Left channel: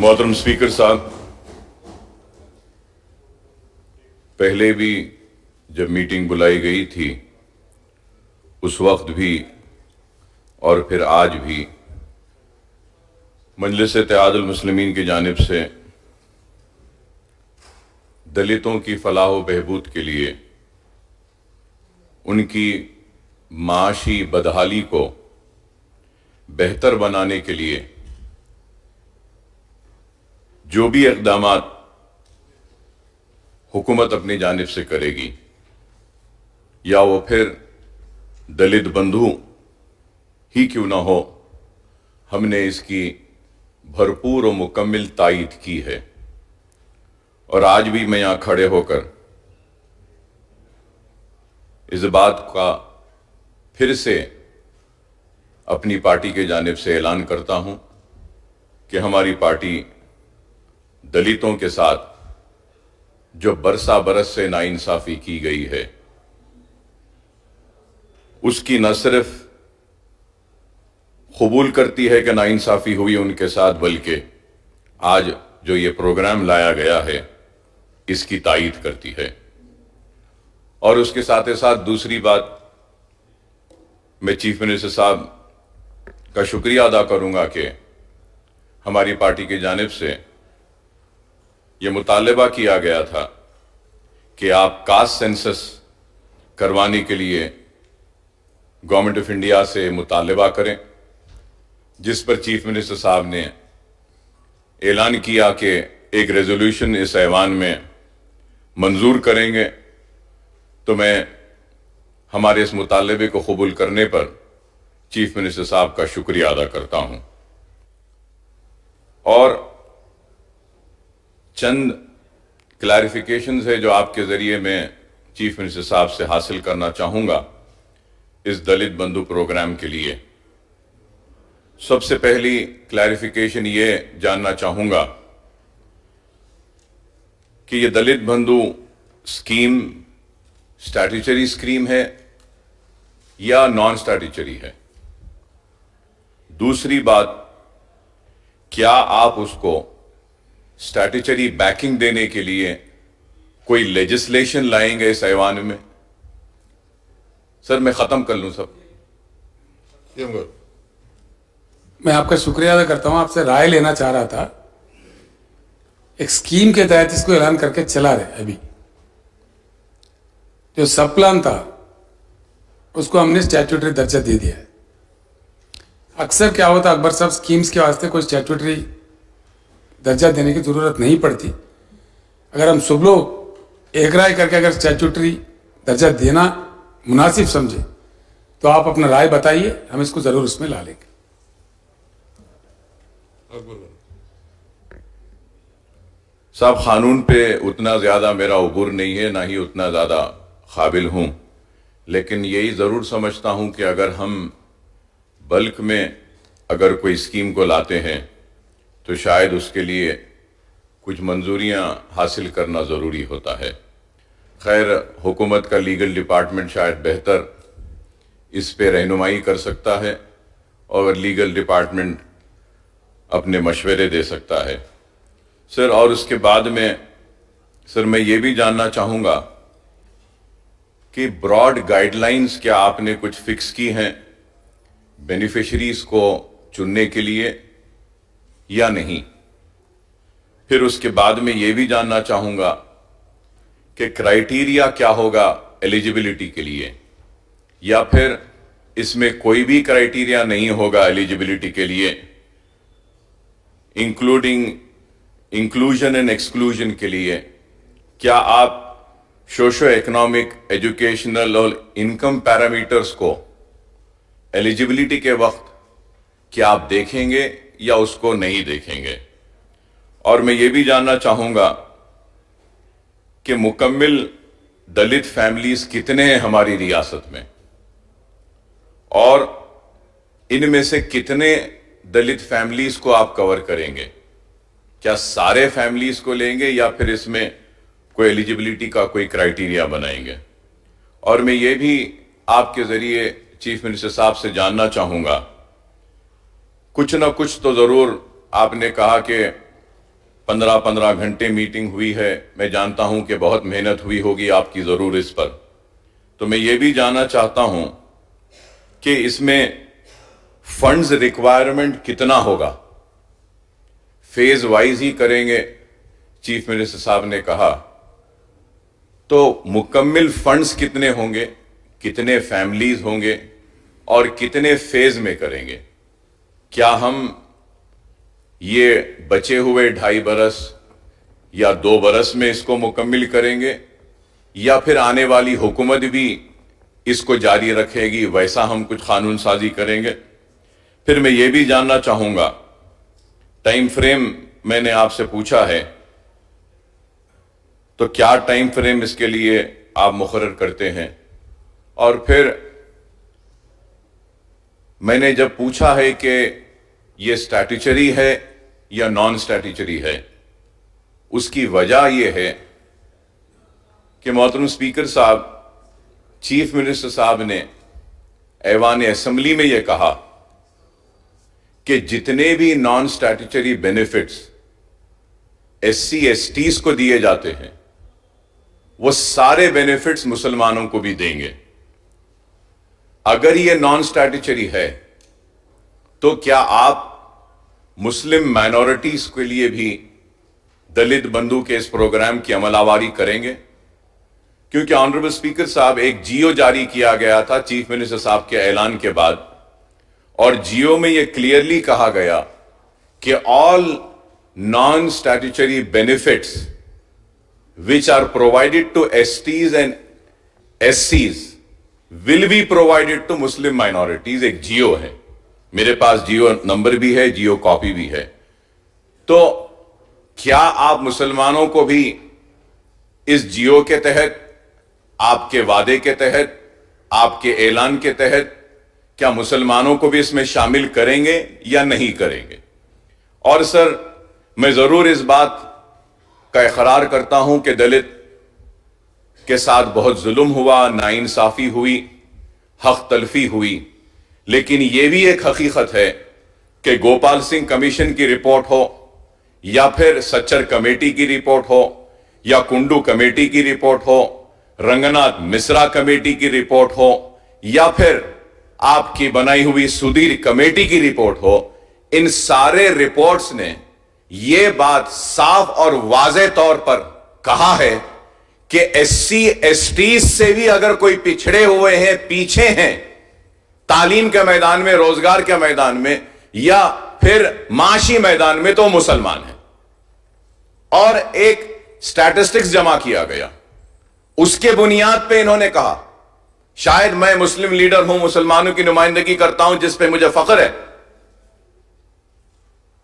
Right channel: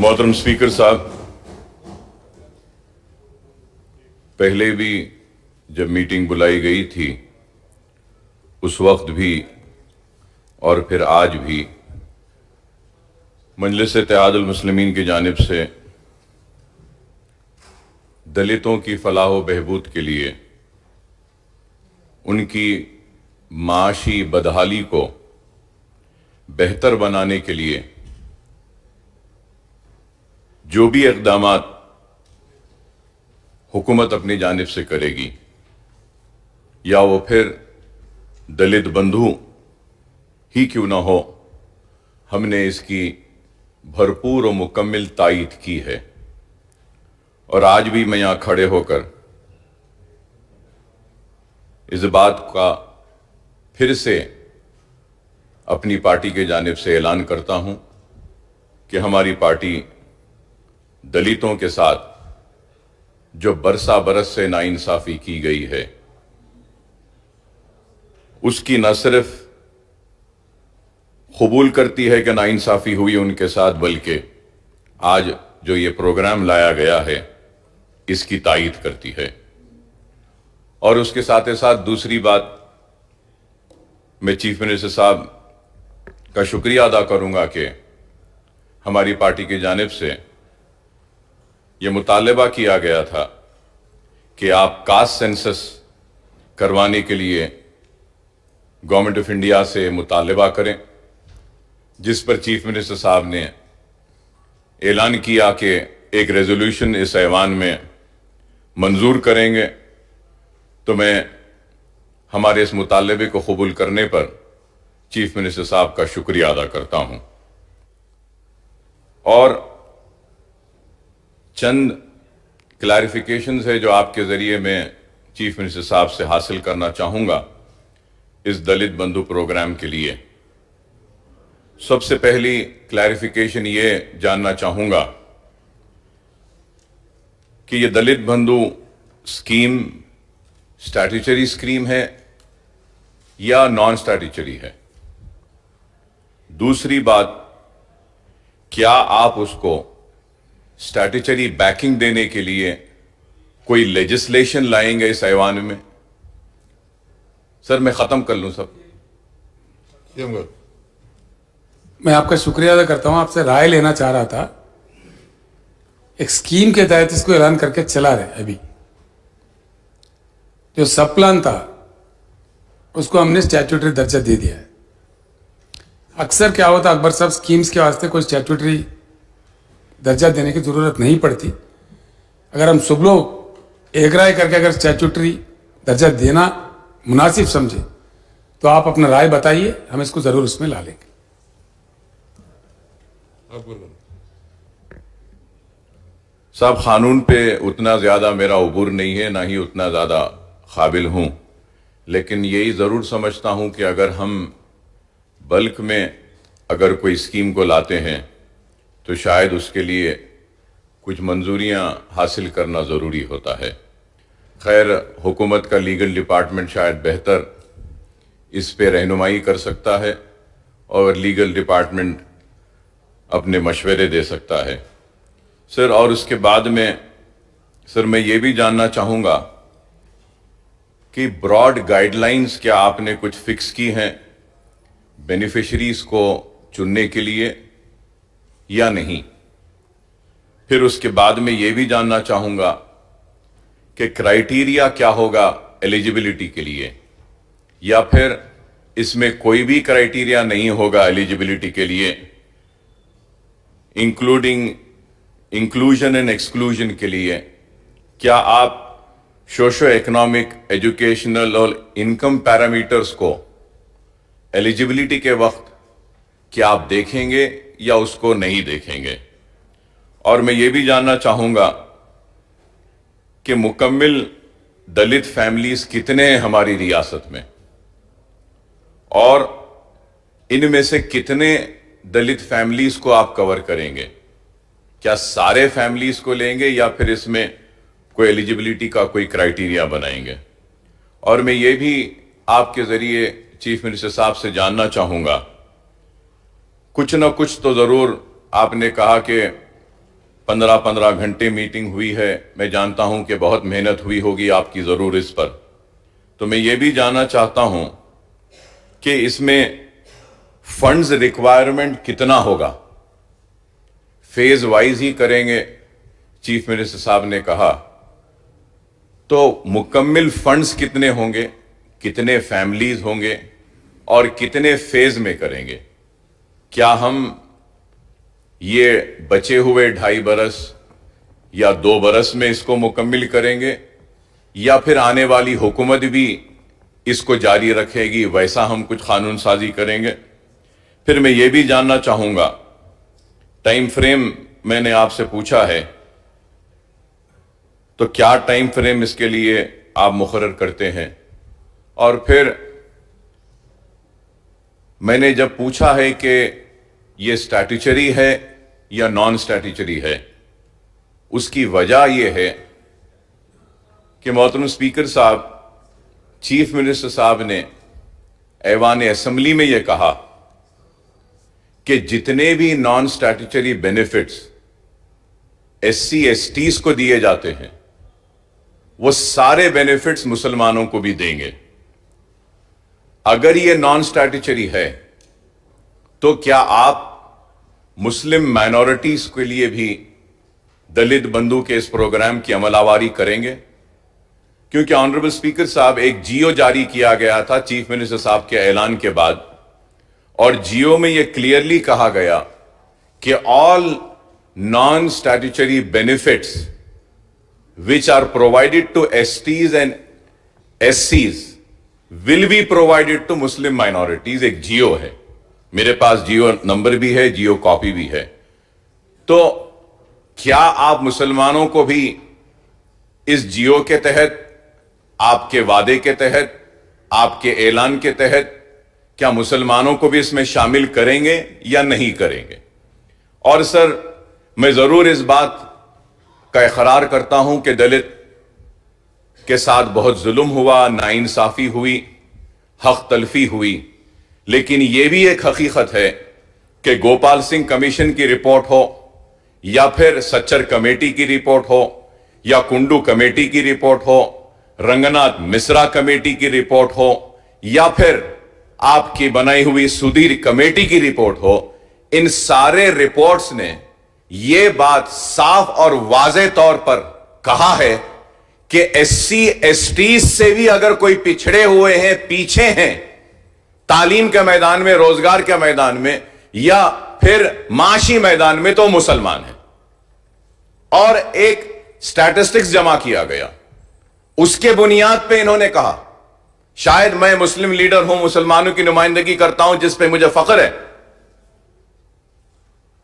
मोहतरम स्पीकर साहब, पहले भी जब मीटिंग बुलाई गई थी उस वक्त भी और फिर आज भी मजलिस इत्तेहादुल मुस्लिमीन की जानिब से दलितों की फलाह व बहबूद के लिए, उनकी माशी बदहाली को बेहतर बनाने के लिए जो भी इक़दामात हुकूमत अपनी जानिब से करेगी, या वो फिर दलित बंधु ही क्यों ना हो, हमने इसकी भरपूर और मुकम्मल तायीद की है। और आज भी मैं यहाँ खड़े होकर इस बात का फिर से अपनी पार्टी के जानिब से ऐलान करता हूं कि हमारी पार्टी दलितों के साथ जो बरसा बरस से नाइंसाफी की गई है, उसकी न सिर्फ कबूल करती है कि नाइंसाफी हुई उनके साथ, बल्कि आज जो ये प्रोग्राम लाया गया है इसकी तायीद करती है। और उसके साथ ही साथ दूसरी बात, मैं चीफ मिनिस्टर साहब का शुक्रिया अदा करूंगा कि हमारी पार्टी की जानिब से ये मुतालबा किया गया था कि आप कास्ट सेंसस करवाने के लिए गवर्नमेंट ऑफ इंडिया से मुतालबा करें, जिस पर चीफ मिनिस्टर साहब ने ऐलान किया कि एक रेजोल्यूशन इस ऐवान में मंजूर करेंगे। तो मैं हमारे इस मुतालबे को कबूल करने पर चीफ मिनिस्टर साहब का शुक्रिया अदा करता हूं। और चंद क्लैरिफिकेशंस है जो आपके जरिए मैं चीफ मिनिस्टर साहब से हासिल करना चाहूंगा इस दलित बंधु प्रोग्राम के लिए। सबसे पहली क्लैरिफिकेशन ये जानना चाहूंगा कि ये दलित बंधु स्कीम स्टैट्यूटरी स्कीम है या नॉन स्टैट्यूटरी है। दूसरी बात, क्या आप उसको स्टैट्यूटरी बैकिंग देने के लिए कोई लेजिस्लेशन लाएंगे इस ऐवान में? सर मैं खत्म कर लूं सब। मैं आपका शुक्रिया अदा करता हूं। आपसे राय लेना चाह रहा था। एक स्कीम के तहत इसको ऐलान करके चला रहे। अभी जो सब प्लान था उसको हमने स्टैट्यूटरी दर्जा दे दिया है। अक्सर क्या होता, अकबर साहब, स्कीम्स के वास्ते कोई स्टैट्यूटरी दर्जा देने की जरूरत नहीं पड़ती। अगर हम सब लोग एक राय करके अगर स्टैट्यूटरी दर्जा देना मुनासिब समझे तो आप अपना राय बताइए, हम इसको जरूर उसमें ला लेंगे। साहब, कानून पे उतना ज्यादा मेरा उबूर नहीं है, ना ही उतना ज्यादा काबिल हूं, लेकिन यही जरूर समझता हूं कि अगर हम बल्क में अगर कोई स्कीम को लाते हैं तो शायद उसके लिए कुछ मंजूरियां हासिल करना जरूरी होता है। खैर, हुकूमत का लीगल डिपार्टमेंट शायद बेहतर इस पे रहनुमाई कर सकता है और लीगल डिपार्टमेंट अपने मशवरे दे सकता है। सर, और उसके बाद में सर मैं ये भी जानना चाहूंगा कि ब्रॉड गाइडलाइंस क्या आपने कुछ फिक्स की हैं बेनिफिशरीज को चुनने के लिए या नहीं? फिर उसके बाद में ये भी जानना चाहूंगा कि क्राइटेरिया क्या होगा एलिजिबिलिटी के लिए, या फिर इसमें कोई भी क्राइटेरिया नहीं होगा एलिजिबिलिटी के लिए, इंक्लूडिंग इंक्लूजन एंड एक्सक्लूजन के लिए? क्या आप सोशो इकोनॉमिक, एजुकेशनल और इनकम पैरामीटर्स को एलिजिबिलिटी के वक्त क्या आप देखेंगे या उसको नहीं देखेंगे? और मैं ये भी जानना चाहूंगा कि मुकम्मिल दलित फैमिलीज कितने हैं हमारी रियासत में, और इनमें से कितने दलित फैमिलीज को आप कवर करेंगे? क्या सारे फैमिलीज को लेंगे या फिर इसमें कोई एलिजिबिलिटी का कोई क्राइटेरिया बनाएंगे? और मैं ये भी आपके जरिए चीफ मिनिस्टर साहब से जानना चाहूंगा, कुछ ना कुछ तो जरूर आपने कहा कि 15-15 घंटे मीटिंग हुई है। मैं जानता हूं कि बहुत मेहनत हुई होगी आपकी जरूर इस पर। तो मैं ये भी जानना चाहता हूं कि इसमें फंड्स रिक्वायरमेंट कितना होगा। फेज वाइज ही करेंगे, चीफ मिनिस्टर साहब ने कहा, तो मुकम्मल फंड्स कितने होंगे, कितने फैमिलीज होंगे और कितने फेज में करेंगे। क्या हम ये बचे हुए 2.5 बरस या 2 बरस में इसको मुकम्मल करेंगे या फिर आने वाली हुकूमत भी इसको जारी रखेगी, वैसा हम कुछ कानून साजी करेंगे। फिर मैं ये भी जानना चाहूंगा, टाइम फ्रेम मैंने आपसे पूछा है, तो क्या टाइम फ्रेम इसके लिए आप मुकर्रर करते हैं। और फिर मैंने जब पूछा है कि ये स्टैट्यूटरी है या नॉन स्टैट्यूटरी है, उसकी वजह यह है कि मोहतरम स्पीकर साहब, चीफ मिनिस्टर साहब ने ऐवान असेंबली में यह कहा कि जितने भी non statutory benefits SC STs को दिए जाते हैं वो सारे बेनिफिट्स मुसलमानों को भी देंगे। अगर ये नॉन स्टैट्यूटरी है तो क्या आप मुस्लिम माइनॉरिटीज के लिए भी दलित बंधु के इस प्रोग्राम की अमलावारी करेंगे। क्योंकि ऑनरेबल स्पीकर साहब, एक जियो जारी किया गया था चीफ मिनिस्टर साहब के ऐलान के बाद, और जियो में यह क्लियरली कहा गया कि all non statutory benefits which are provided to STs and SCs will be provided to Muslim minorities। एक जियो है, मेरे पास जियो नंबर भी है, जियो कॉपी भी है। तो क्या आप मुसलमानों को भी इस जियो के तहत, आपके वादे के तहत, आपके ऐलान के तहत, क्या मुसलमानों को भी इसमें शामिल करेंगे या नहीं करेंगे। और सर, मैं जरूर इस बात का इकरार करता हूं कि दलित के साथ बहुत जुल्म हुआ, नाइंसाफी हुई, हक तलफी हुई, लेकिन यह भी एक हकीकत है कि गोपाल सिंह कमीशन की रिपोर्ट हो या फिर सच्चर कमेटी की रिपोर्ट हो या कुंडू कमेटी की रिपोर्ट हो, रंगनाथ मिश्रा कमेटी की रिपोर्ट हो या फिर आपकी बनाई हुई सुधीर कमेटी की रिपोर्ट हो, इन सारे रिपोर्ट्स ने यह बात साफ और वाज़े तौर पर कहा है कि SC STs से भी अगर कोई पिछड़े हुए हैं, पीछे हैं, तालीम के मैदान में, रोजगार के मैदान में या फिर माशी मैदान में, तो मुसलमान है। और एक स्टैटिस्टिक्स जमा किया गया, उसके बुनियाद पे इन्होंने कहा, शायद मैं मुस्लिम लीडर हूं, मुसलमानों की नुमाइंदगी करता हूं, जिस पे मुझे फख्र है,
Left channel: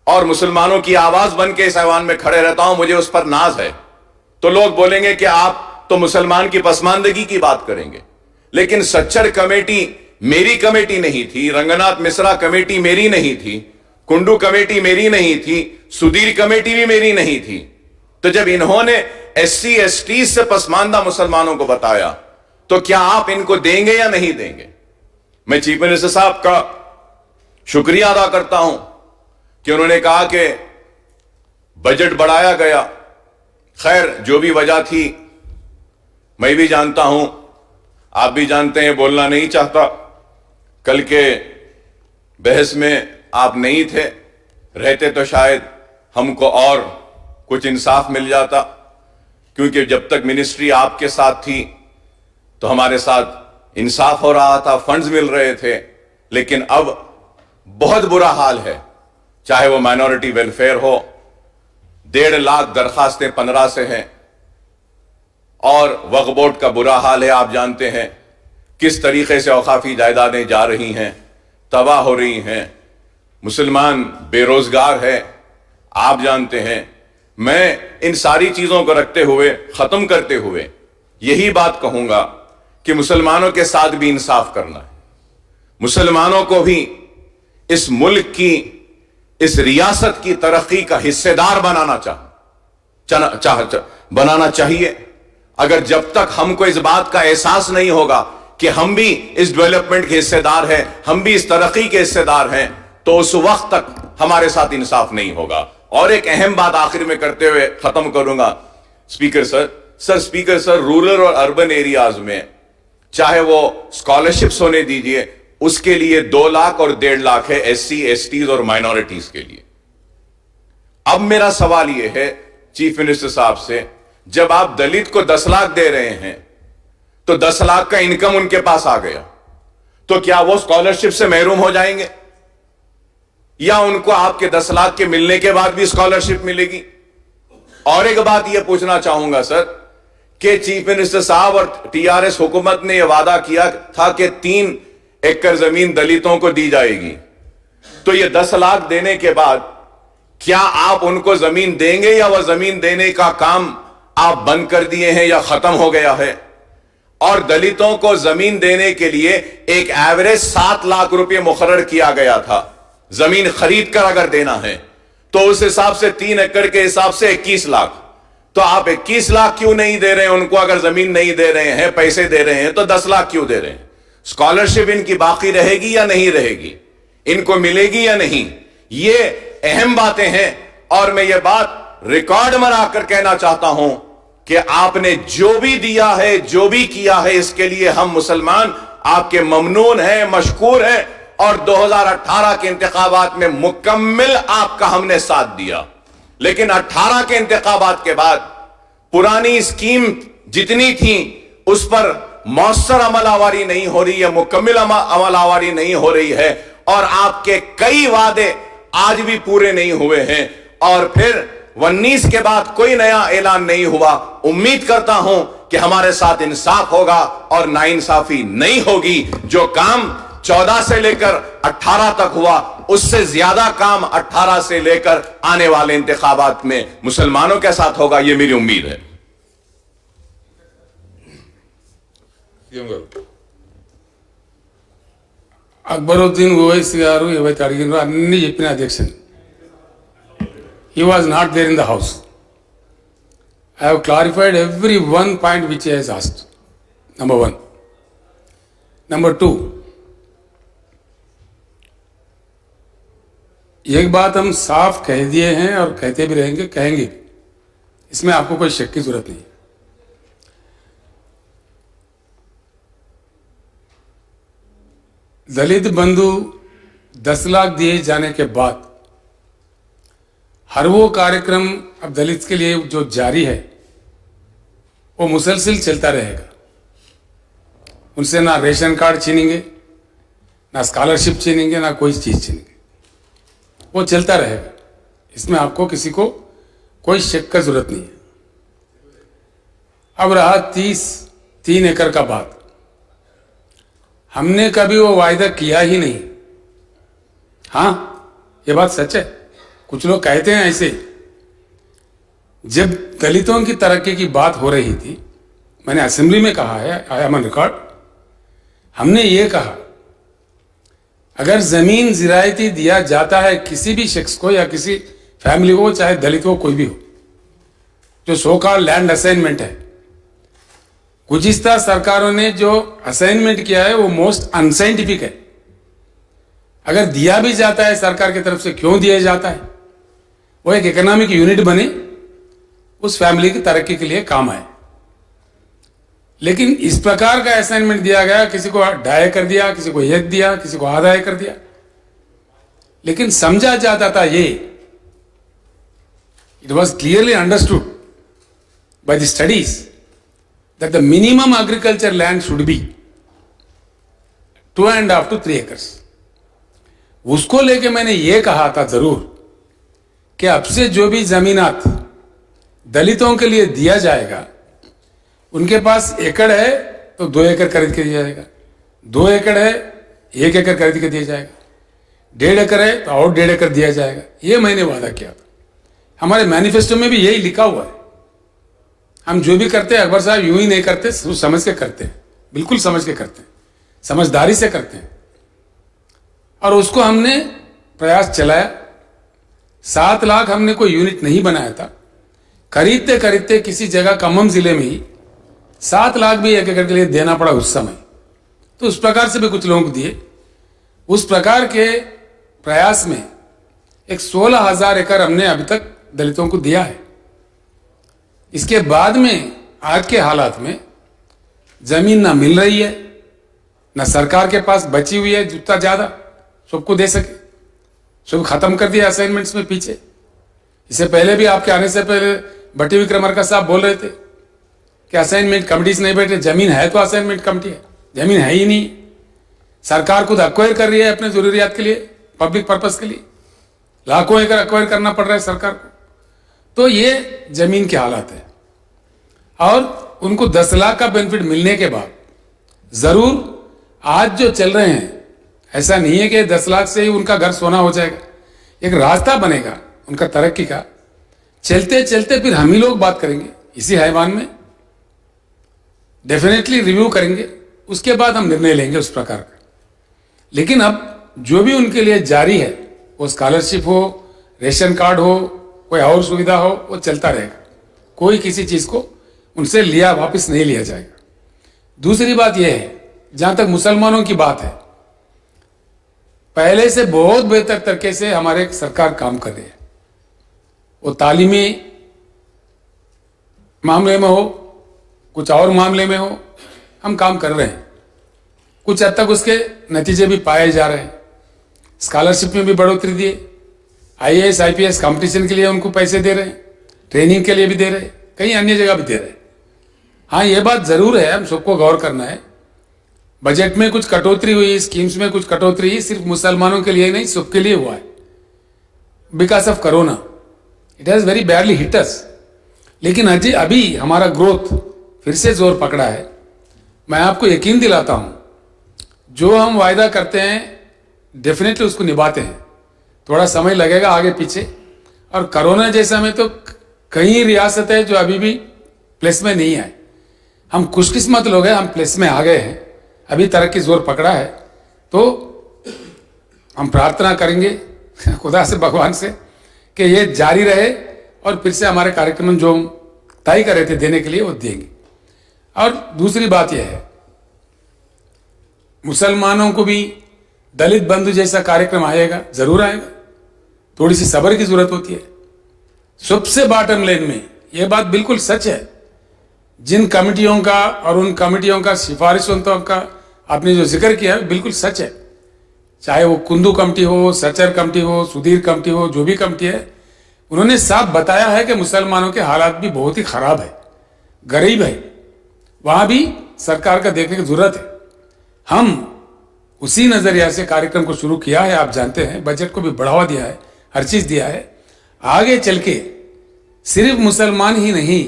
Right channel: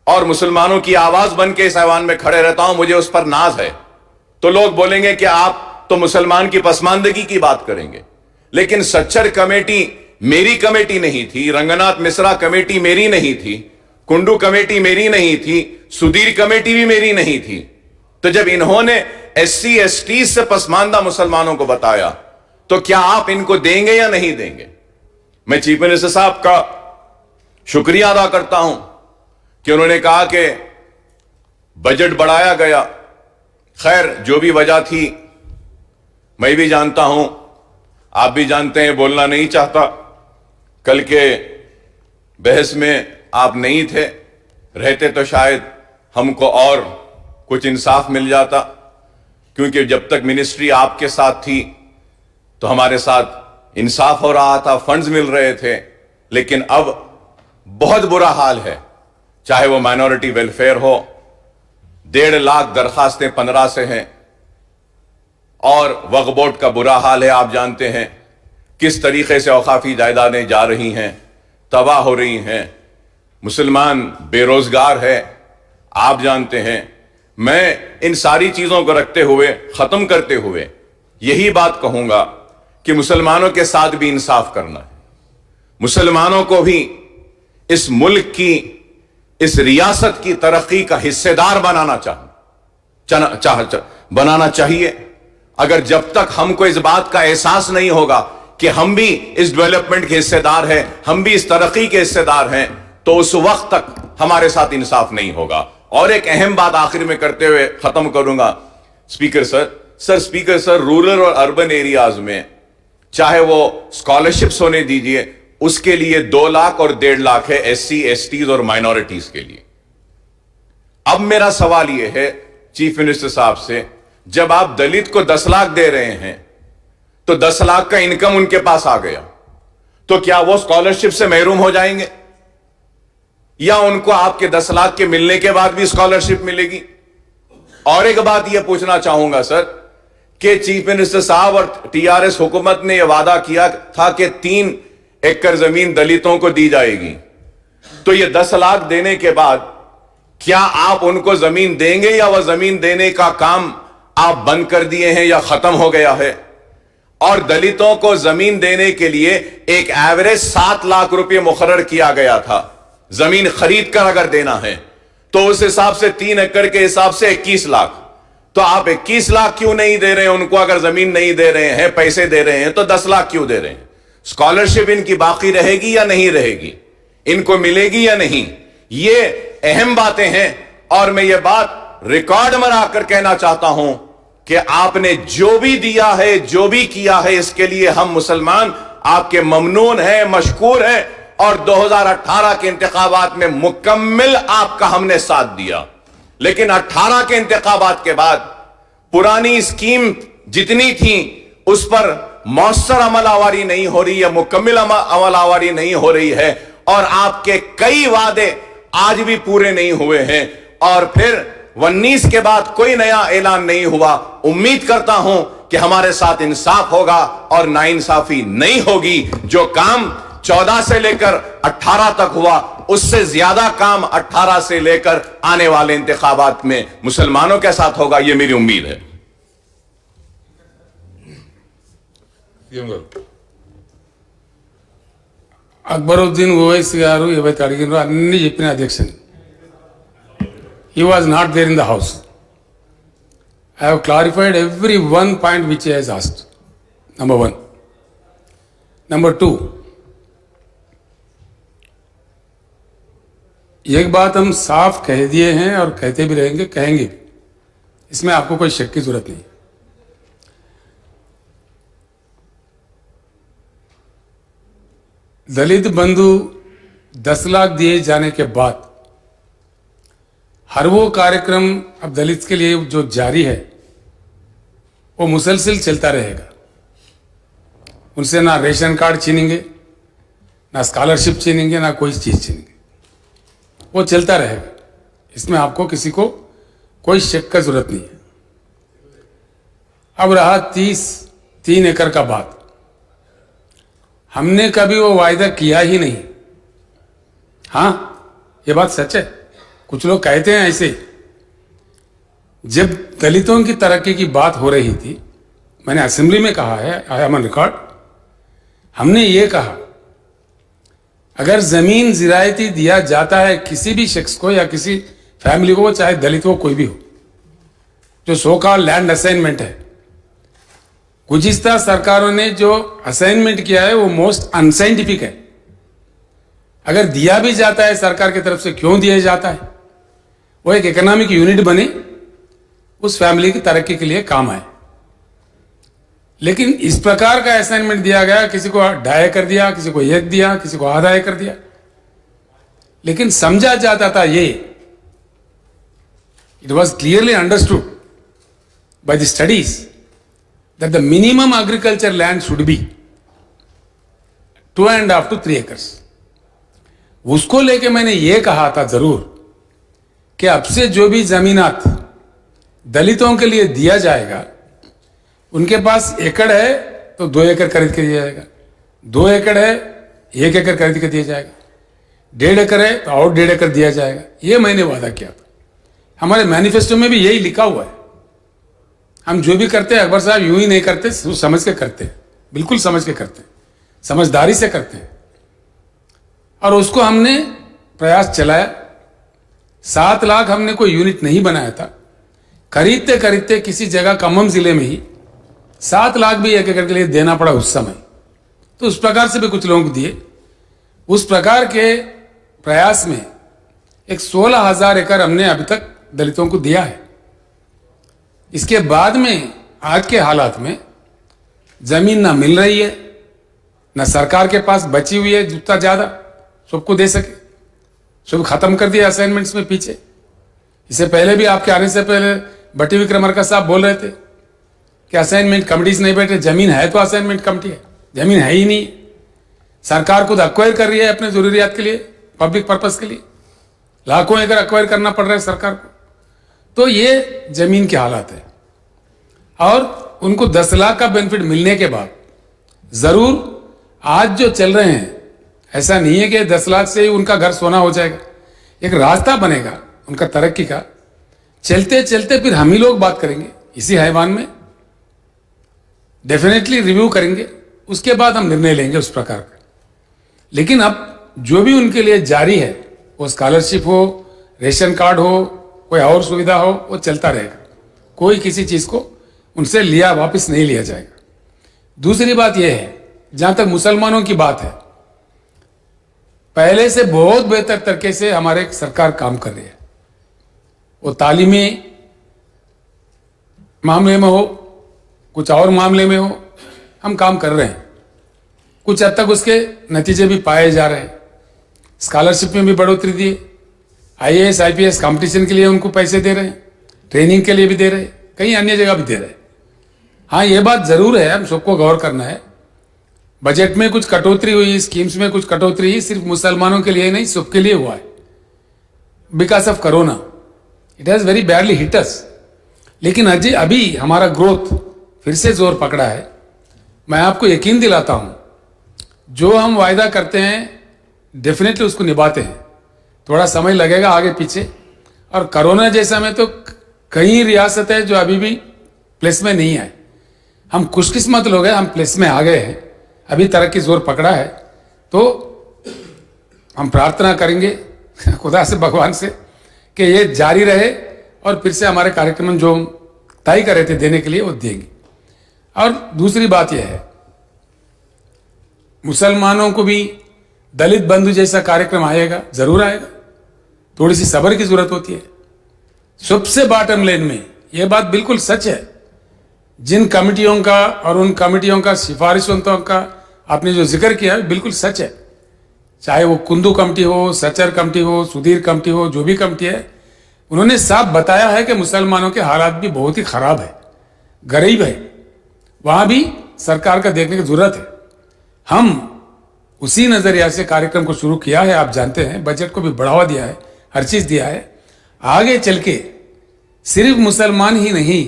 और मुसलमानों की आवाज बन के इस ऐवान में खड़े रहता हूं, मुझे उस पर नाज है। तो लोग बोलेंगे कि आप तो मुसलमान की पसमानदगी की बात करेंगे, लेकिन सच्चर कमेटी मेरी कमेटी नहीं थी, रंगनाथ मिश्रा कमेटी मेरी नहीं थी, कुंडू कमेटी मेरी नहीं थी, सुधीर कमेटी भी मेरी नहीं थी। तो जब इन्होंने SC ST से पसमानदा मुसलमानों को बताया, तो क्या आप इनको देंगे या नहीं देंगे। मैं चीफ मिनिस्टर साहब का शुक्रिया अदा करता हूं कि उन्होंने कहा कि बजट बढ़ाया गया। खैर, जो भी वजह थी मैं भी जानता हूं, आप भी जानते हैं, बोलना नहीं चाहता। कल के बहस में आप नहीं थे, रहते तो शायद हमको और कुछ इंसाफ मिल जाता, क्योंकि जब तक मिनिस्ट्री आपके साथ थी तो हमारे साथ इंसाफ हो रहा था, फंड्स मिल रहे थे। लेकिन अब बहुत बुरा हाल है, चाहे वो माइनॉरिटी वेलफेयर हो, 1.5 लाख दरखास्तें 15 से हैं, और वक्फ बोर्ड का बुरा हाल है। आप जानते हैं किस तरीके से औकाफी जायदादें जा रही हैं, तबाह हो रही हैं, मुसलमान बेरोजगार है, आप जानते हैं। मैं इन सारी चीजों को रखते हुए, खत्म करते हुए यही बात कहूंगा कि मुसलमानों के साथ भी इंसाफ करना है, मुसलमानों को भी इस मुल्क की, इस रियासत की तरक्की का हिस्सेदार बनाना चाहिए। अगर जब तक हमको इस बात का एहसास नहीं होगा कि हम भी इस डेवलपमेंट के हिस्सेदार हैं, हम भी इस तरक्की के हिस्सेदार हैं, तो उस वक्त तक हमारे साथ इंसाफ नहीं होगा। और एक अहम बात आखिर में करते हुए खत्म करूंगा स्पीकर सर, रूरल और अर्बन एरियाज में चाहे वो स्कॉलरशिप्स होने दीजिए, उसके लिए 2 लाख और 1.5 लाख है SC, STs और माइनॉरिटीज के लिए। अब मेरा सवाल यह है चीफ मिनिस्टर साहब से, जब आप दलित को 10 लाख दे रहे हैं तो 10 लाख का इनकम उनके पास आ गया, तो क्या वो स्कॉलरशिप से महरूम हो जाएंगे या उनको आपके 10 लाख के मिलने के बाद भी स्कॉलरशिप मिलेगी? और एक बात यह पूछना चाहूंगा सर कि चीफ मिनिस्टर साहब और TRS हुकूमत ने यह वादा किया था कि 3 एकड़ जमीन दलितों को दी जाएगी, तो यह 10 लाख देने के बाद क्या आप उनको जमीन देंगे या वह जमीन देने का काम आप बंद कर दिए हैं या खत्म हो गया है? और दलितों को जमीन देने के लिए एक एवरेज 7 लाख रुपए मुकर्रर किया गया था, जमीन खरीद कर अगर देना है तो उस हिसाब से 3 एकड़ के हिसाब से 21 लाख। तो आप 21 लाख क्यों नहीं दे रहे हैं उनको? अगर जमीन नहीं दे रहे हैं, पैसे दे रहे हैं, तो 10 लाख क्यों दे रहे हैं? स्कॉलरशिप इनकी बाकी रहेगी या नहीं रहेगी? इनको मिलेगी या नहीं? ये अहम बातें हैं और मैं ये बात रिकॉर्ड में आकर कहना चाहता हूं कि आपने जो भी दिया है, जो भी किया है, इसके लिए हम मुसलमान आपके ममनून हैं, मशकूर हैं और 2018 के इंतखाबात में मुकम्मल आपका हमने साथ दिया। लेकिन 18 के इंतखाबात के बाद पुरानी स्कीम जितनी थी उस पर मौसर अमलावरी नहीं हो रही है, मुकम्मल अमलावरी नहीं हो रही है और आपके कई वादे आज भी पूरे नहीं हुए हैं और फिर 19 के बाद कोई नया ऐलान नहीं हुआ। उम्मीद करता हूं कि हमारे साथ इंसाफ होगा और नाइंसाफी नहीं होगी। जो काम 14 से लेकर 18 तक हुआ उससे ज्यादा काम 18 से लेकर आने वाले इंतखाबात में मुसलमानों के साथ होगा, यह मेरी उम्मीद है। అక్బరుద్దీన్ ఓవైసీ గారు ఏవైతే అడిగినారో అన్ని చెప్పిన అధ్యక్షుని. He was not there in the house. I have clarified every one point which he has asked. Number 1. Number 2, एक बात हम साफ कह दिए हैं और कहते भी रहेंगे, कहेंगे भी, इसमें आपको कोई शक की जरूरत नहीं। दलित बंधु 10 लाख दिए जाने के बाद हर वो कार्यक्रम अब दलित के लिए जो जारी है वो मुसलसल चलता रहेगा। उनसे ना रेशन कार्ड छीनेंगे, ना स्कॉलरशिप छीनेंगे, ना कोई चीज छीनेंगे, वो चलता रहेगा। इसमें आपको किसी को कोई शक का जरूरत नहीं है। अब रहा 3 एकड़ का बात, हमने कभी वो वायदा किया ही नहीं। हाँ, ये बात सच है, कुछ लोग कहते हैं ऐसे। जब दलितों की तरक्की की बात हो रही थी, मैंने असेंबली में कहा है, आई एम ऑन रिकॉर्ड, हमने ये कहा अगर जमीन जिरायती दिया जाता है किसी भी शख्स को या किसी फैमिली को, चाहे दलित हो कोई भी हो, जो सो कॉल्ड लैंड असाइनमेंट है, गुज़िश्ता सरकारों ने जो असाइनमेंट किया है वो मोस्ट अनसाइंटिफिक है। अगर दिया भी जाता है सरकार की तरफ से, क्यों दिया जाता है? वो एक इकोनॉमिक यूनिट बने, उस फैमिली की तरक्की के लिए काम आए। लेकिन इस प्रकार का असाइनमेंट दिया गया, किसी को 2.5 एकड़ दिया, किसी को 1 दिया, किसी को आधा एकड़ दिया, लेकिन समझा जाता था ये, it was clearly understood by the studies that the minimum agriculture land should be 2.5 to 3 acres. उसको लेके मैंने ये कहा था जरूर कि अब से जो भी जमीनात दलितों के लिए दिया जाएगा, उनके पास एकड़ है तो 2 एकड़ खरीद के दिया जाएगा, 2 एकड़ है 1 एकड़ खरीद के दिया जाएगा, 1.5 एकड़ है तो और 1.5 एकड़ दिया जाएगा। ये मैंने वादा किया था, हमारे मैनिफेस्टो में भी यही लिखा हुआ है। हम जो भी करते हैं अकबर साहब यूं ही नहीं करते, समझ के करते हैं, बिल्कुल समझ के करते हैं, समझदारी से करते हैं। और उसको हमने प्रयास चलाया। 7 लाख हमने कोई यूनिट नहीं बनाया था, खरीदते खरीदते किसी जगह खम्भम जिले में ही 7 लाख भी 1 एकड़ के लिए देना पड़ा उस समय। तो उस प्रकार से भी कुछ लोगों को दिए। उस प्रकार के प्रयास में एक 16,000 एकड़ हमने अभी तक दलितों को दिया है। इसके बाद में आज के हालात में जमीन ना मिल रही है, ना सरकार के पास बची हुई है जितना ज्यादा सबको दे सके। सब खत्म कर दिया असाइनमेंट्स में पीछे। इससे पहले भी आपके आने से पहले बटी विक्रमार्का साहब बोल रहे थे कि असाइनमेंट कमिटीज नहीं बैठे। जमीन है तो असाइनमेंट कमिटी है, जमीन है ही नहीं। सरकार खुद अक्वायर कर रही है अपने जरूरियात के लिए, पब्लिक पर्पस के लिए लाखों एकड़ अक्वायर करना पड़ रहा है सरकार को। तो ये जमीन के हालात है। और उनको 10 लाख का बेनिफिट मिलने के बाद जरूर आज जो चल रहे हैं, ऐसा नहीं है कि 10 लाख से ही उनका घर सोना हो जाएगा। एक रास्ता बनेगा उनका तरक्की का। चलते चलते फिर हम ही लोग बात करेंगे इसी हैवान में, डेफिनेटली रिव्यू करेंगे, उसके बाद हम निर्णय लेंगे उस प्रकार का। लेकिन अब जो भी उनके लिए जारी है, वो स्कॉलरशिप हो, रेशन कार्ड हो, कोई और सुविधा हो, वो चलता रहेगा। कोई किसी चीज को उनसे लिया वापस नहीं लिया जाएगा। दूसरी बात यह है, जहां तक मुसलमानों की बात है, पहले से बहुत बेहतर तरीके से हमारे सरकार काम कर रही है। वो तालीमी मामले में हो, कुछ और मामले में हो, हम काम कर रहे हैं। कुछ हद तक उसके नतीजे भी पाए जा रहे हैं। स्कॉलरशिप में भी बढ़ोतरी दी, IAS IPS कंपटीशन के लिए उनको पैसे दे रहे हैं, ट्रेनिंग के लिए भी दे रहे हैं, कहीं अन्य जगह भी दे रहे हैं। हाँ, ये बात जरूर है, हम सबको गौर करना है। बजट में कुछ कटौती हुई, स्कीम्स में कुछ कटौती हुई, सिर्फ मुसलमानों के लिए नहीं सबके लिए हुआ है। Because of corona it has very badly hit us. लेकिन अभी हमारा ग्रोथ फिर से जोर पकड़ा है। मैं आपको यकीन दिलाता हूं, जो हम वायदा करते हैं डेफिनेटली उसको निभाते हैं। थोड़ा समय लगेगा आगे पीछे, और कोरोना जैसा में तो कई रियासत है जो अभी भी प्लेस में नहीं आए। हम खुशकिस्मत लोग हैं, हम प्लेस में आ गए हैं, अभी तरक्की जोर पकड़ा है। तो हम प्रार्थना करेंगे खुदा से, भगवान से, कि ये जारी रहे और फिर से हमारे कार्यक्रम जो तय कर रहे थे देने के लिए वो देंगे। और दूसरी बात यह है, मुसलमानों को भी दलित बंधु जैसा कार्यक्रम आएगा, जरूर आएगा। थोड़ी सी सब्र की जरूरत होती है। सबसे बॉटम लाइन में यह बात बिल्कुल सच है, जिन कमिटियों का और उन कमिटियों का सिफारिशों का आपने जो जिक्र किया है बिल्कुल सच है। चाहे वो कुंदू कमेटी हो, सचर कमेटी हो, सुधीर कमेटी हो, जो भी कमेटी है, उन्होंने साफ बताया है कि मुसलमानों के हालात भी बहुत ही खराब है, गरीब है। वहां भी सरकार का देखने की जरूरत है। हम उसी नजरिया से कार्यक्रम को शुरू किया है। आप जानते हैं, बजट को भी बढ़ावा दिया है, हर चीज दिया है। आगे चल के सिर्फ मुसलमान ही नहीं,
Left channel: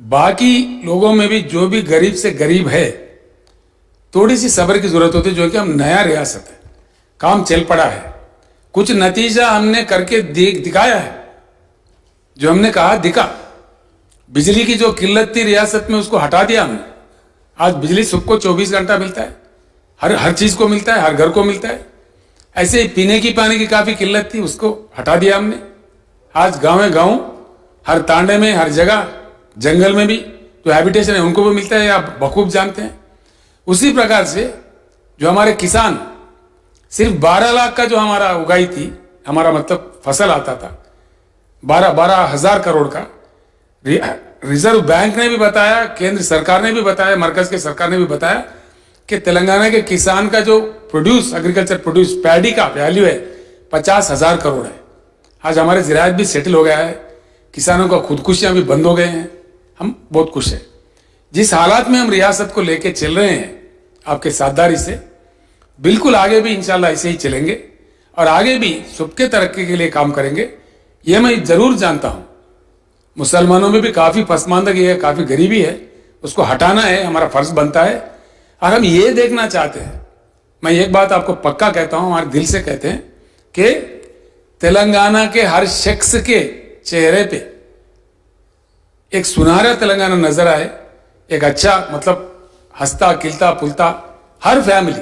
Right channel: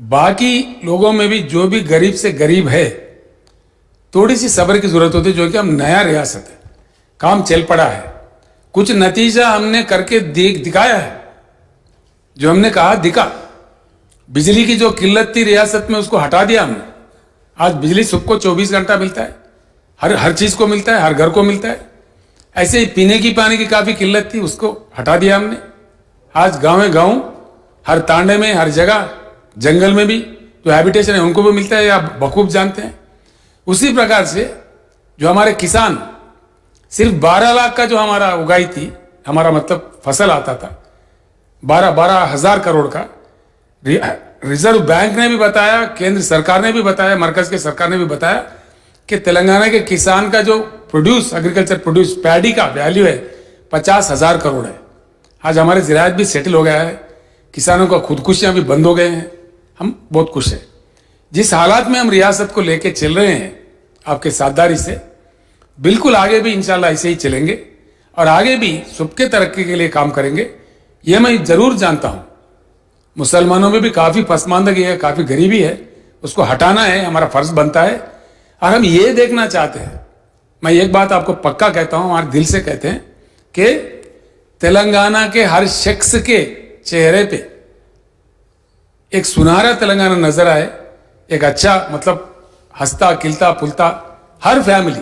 बाकी लोगों में भी जो भी गरीब से गरीब है, थोड़ी सी सब्र की जरूरत होती है। जो कि हम नया रियासत है, काम चल पड़ा है, कुछ नतीजा हमने करके दिखाया है। जो हमने कहा दिखा। बिजली की जो किल्लत थी रियासत में, उसको हटा दिया हमने। आज बिजली सबको 24 घंटा मिलता है, हर चीज को मिलता है, हर घर को मिलता है। ऐसे ही पीने की पानी की काफी किल्लत थी, उसको हटा दिया हमने। आज गांव हर तांडे में, हर जगह, जंगल में भी जो हैबिटेशन है उनको भी मिलता है, आप बखूब जानते हैं। उसी प्रकार से जो हमारे किसान, सिर्फ 12 लाख का जो हमारा उगाई थी, हमारा मतलब फसल आता था 12 हजार करोड़ का, रिजर्व बैंक ने भी बताया, केंद्र सरकार ने भी बताया, मरकज के सरकार ने भी बताया कि तेलंगाना के किसान का जो प्रोड्यूस, एग्रीकल्चर प्रोड्यूस, पैडी का वैल्यू है 50,000 करोड़ है। आज हमारे ज़राअत भी सेटल हो गया है, किसानों का खुदकुशियां भी बंद हो गए हैं। हम बहुत खुश हैं। जिस हालात में हम रियासत को लेके चल रहे हैं आपके साझेदारी से, बिल्कुल आगे भी इंशाल्लाह ऐसे ही चलेंगे और आगे भी सबके तरक्की के लिए काम करेंगे। ये मैं जरूर जानता हूं, मुसलमानों में भी काफी पसमानदगी है, काफी गरीबी है, उसको हटाना है, हमारा फर्ज बनता है। और हम ये देखना चाहते हैं, मैं एक बात आपको पक्का कहता हूं, हमारे दिल से कहते हैं कि तेलंगाना के हर शख्स के चेहरे पे एक सुनहरा तेलंगाना नजर आए, एक अच्छा मतलब हंसता खिलता फुलता हर फैमिली,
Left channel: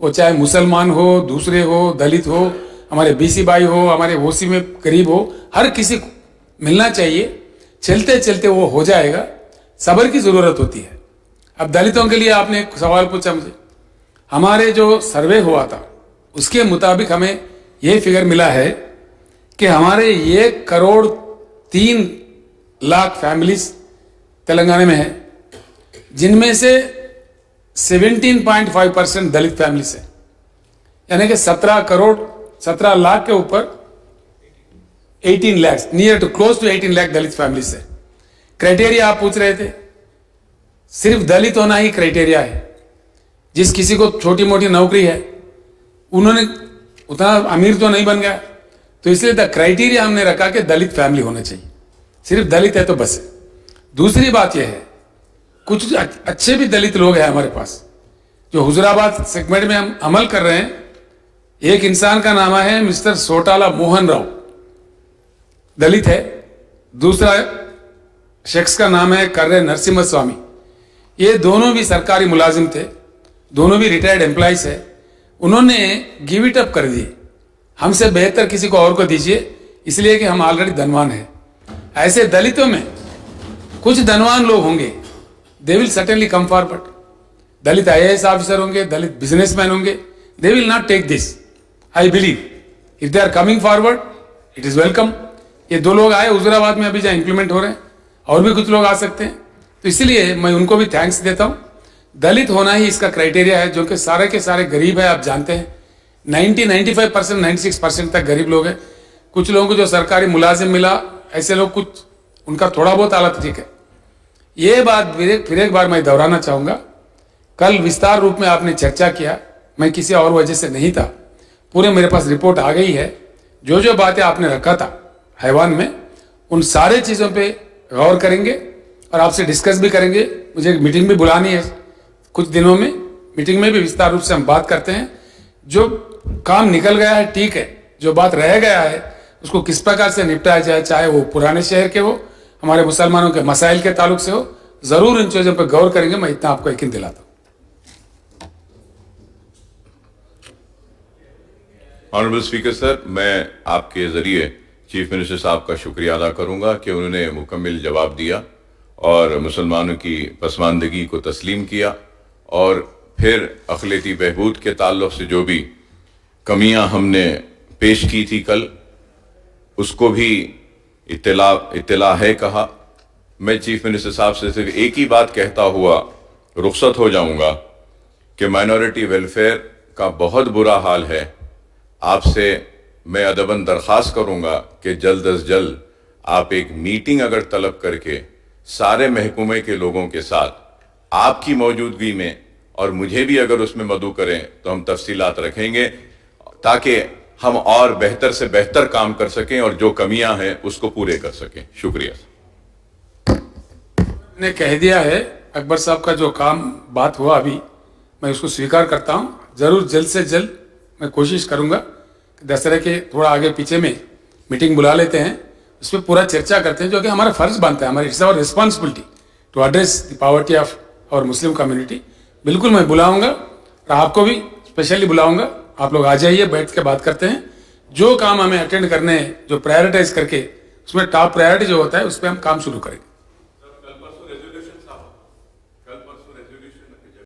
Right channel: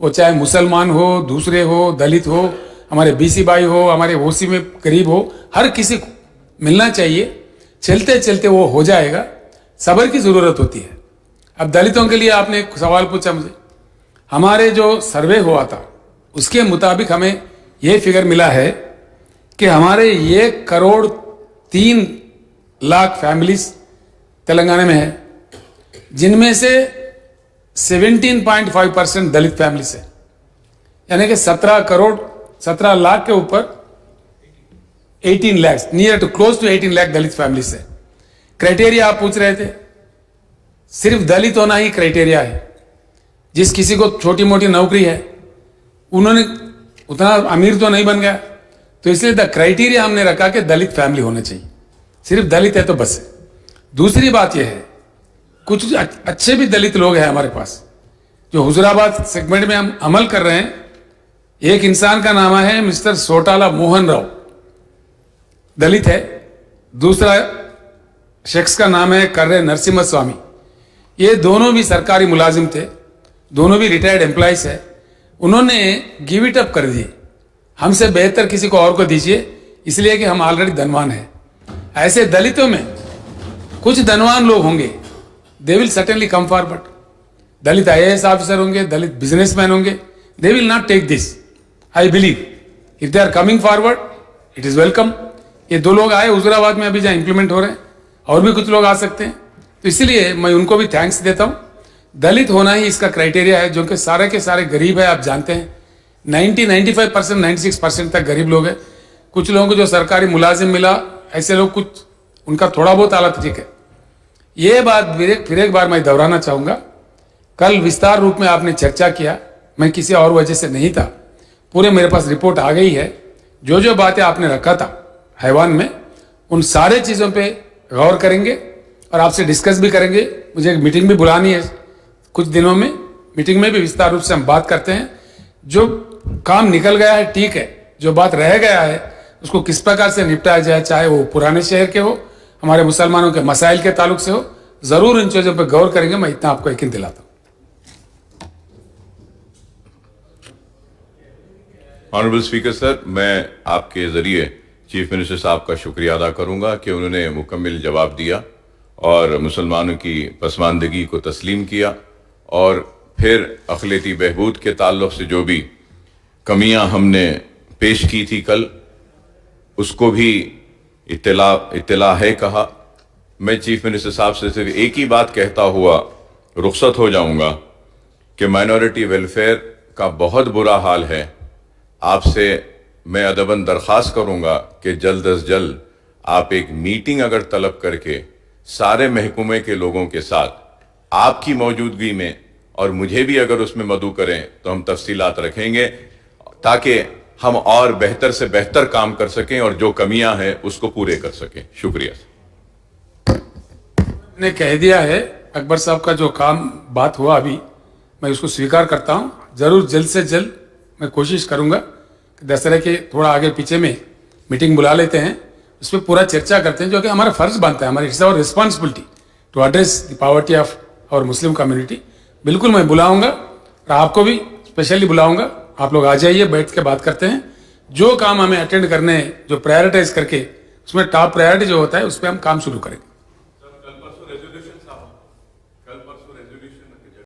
वो चाहे मुसलमान हो, दूसरे हो, दलित हो, हमारे BC भाई हो, हमारे OC में गरीब हो, हर किसी को मिलना चाहिए। चलते चलते वो हो जाएगा। सब्र की जरूरत होती है। अब दलितों के लिए आपने एक सवाल पूछा मुझे, हमारे जो सर्वे हुआ था उसके मुताबिक हमें ये फिगर मिला है कि हमारे 1,03,00,000 फैमिलीज तेलंगाना में है, जिनमें से 17.5% दलित फैमिलीज है, यानी कि 17 लाख के ऊपर 18 lakh, near to close to 18 lakh Dalit families है। क्राइटेरिया आप पूछ रहे थे, सिर्फ दलित होना ही क्राइटेरिया है। जिस किसी को छोटी मोटी नौकरी है, उन्होंने उतना अमीर तो नहीं बन गया, तो इसलिए द क्राइटेरिया हमने रखा कि दलित फैमिली होना चाहिए, सिर्फ दलित है तो बस है। दूसरी बात यह है, कुछ अच्छे भी दलित लोग हैं हमारे पास जो हुजूराबाद सेगमेंट में हम अमल कर रहे हैं। एक इंसान का नाम है मिस्टर सोटाला मोहन राव, दलित है। दूसरा शख्स का नाम है कर्रे नरसिम्हा स्वामी। ये दोनों भी सरकारी मुलाजिम थे, दोनों भी रिटायर्ड एम्प्लॉइज है। उन्होंने गिव इट अप कर दिए, हमसे बेहतर किसी को और को दीजिए, इसलिए कि हम ऑलरेडी धनवान हैं। ऐसे दलितों में कुछ धनवान लोग होंगे, they will certainly come forward. Dalit IAS officer होंगे, दलित बिजनेसमैन होंगे, they will not take this. I believe if they are coming forward it is welcome. ये 2 लोग आए हुजूराबाद में, अभी जहां इंप्लीमेंट हो रहे हैं, और भी कुछ लोग आ सकते हैं, तो इसलिए मैं उनको भी थैंक्स देता हूं। दलित होना ही इसका क्राइटेरिया है, जो कि सारे के सारे गरीब है। आप जानते हैं 95%, 96% तक गरीब लोग हैं। कुछ लोगों को जो सरकारी मुलाजिम मिला, ऐसे लोग कुछ उनका थोड़ा बहुत हालत ठीक है। ये बात फिर एक बार मैं दोहराना चाहूंगा, कल विस्तार रूप में आपने चर्चा किया, मैं किसी और वजह से नहीं था, पूरे मेरे पास रिपोर्ट आ गई है। जो जो बातें आपने रखा था हैवान में, उन सारे चीजों पे गौर करेंगे और आपसे डिस्कस भी करेंगे। मुझे एक मीटिंग भी बुलानी है कुछ दिनों में, मीटिंग में भी विस्तार रूप से हम बात करते हैं। जो काम निकल गया है ठीक है, जो बात रह गया है उसको किस प्रकार से निपटाया जाए, चाहे वो पुराने शहर के हो, हमारे मुसलमानों के मसाइल के ताल्लुक से हो, जरूर इन चीजों पर गौर करेंगे। मैं इतना आपको यकीन दिलाता हूं। ऑनरेबल स्पीकर सर, मैं आपके जरिए चीफ मिनिस्टर साहब का शुक्रिया अदा करूंगा कि उन्होंने मुकम्मल जवाब दिया और मुसलमानों की पसमानदगी को तस्लीम किया, और फिर अक़लियती बहबूद के ताल्लुक से जो भी कमियां हमने पेश की थी कल, उसको भी इत्तला है कहा। मैं चीफ मिनिस्टर साहब से सिर्फ एक ही बात कहता हुआ रुखसत हो जाऊंगा कि माइनॉरिटी वेलफेयर का बहुत बुरा हाल है। आपसे मैं अदबन दरख्वास्त करूंगा कि जल्द अज जल्द आप एक मीटिंग अगर तलब करके सारे महकमे के लोगों के साथ आपकी मौजूदगी में, और मुझे भी अगर उसमें मदऊ करें, तो हम तफसीलात रखेंगे ताकि हम और बेहतर से बेहतर काम कर सकें और जो कमियां हैं उसको पूरे कर सकें। शुक्रिया। ने कह दिया है अकबर साहब का जो काम बात हुआ अभी, मैं उसको स्वीकार करता हूं। जरूर जल्द से जल्द मैं कोशिश करूंगा कि दशहरे के थोड़ा आगे पीछे में मीटिंग बुला लेते हैं, उस पर पूरा चर्चा करते हैं, जो कि हमारा फर्ज बनता है, हमारी it's our responsibility to address the poverty of our Muslim community. बिल्कुल मैं बुलाऊंगा और आपको भी स्पेशली बुलाऊंगा। आप लोग आ जाइए, बैठ के बात करते हैं। जो काम हमें अटेंड करने हैं, जो प्रायोरिटाइज करके, उसमें टॉप प्रायोरिटी जो होता है उस पर हम काम शुरू करेंगे।